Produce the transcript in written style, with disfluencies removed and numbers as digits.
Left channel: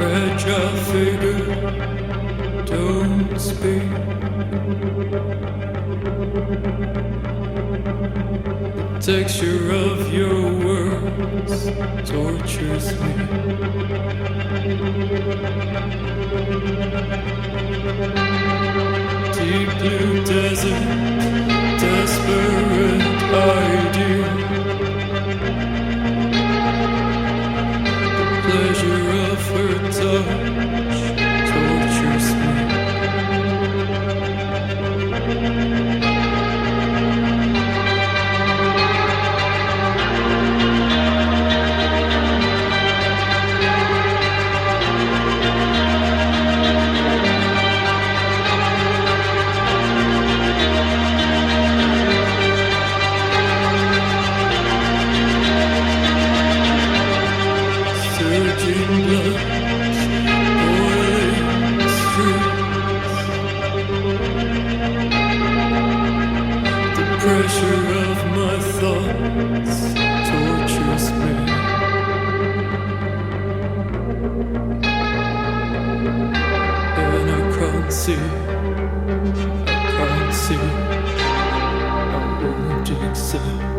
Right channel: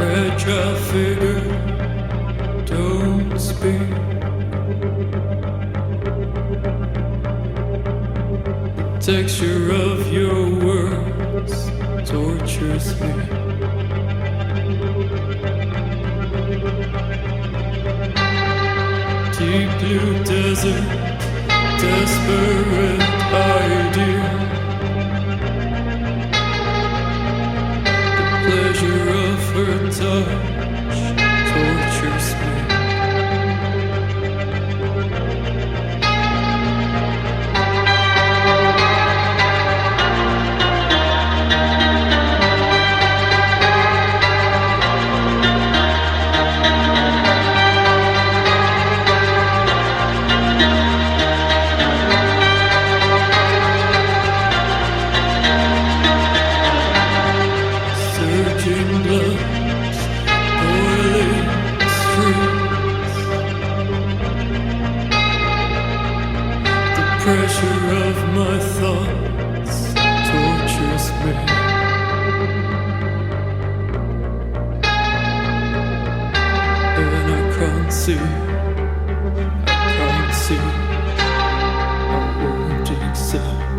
fragile figure, don't speak. The texture of your words tortures me. Deep blue desert, desperate idea. The pleasure of her touch tortures me. Surging blood, boiling streets. The pressure of my thoughts tortures me. And I can't see I won't accept.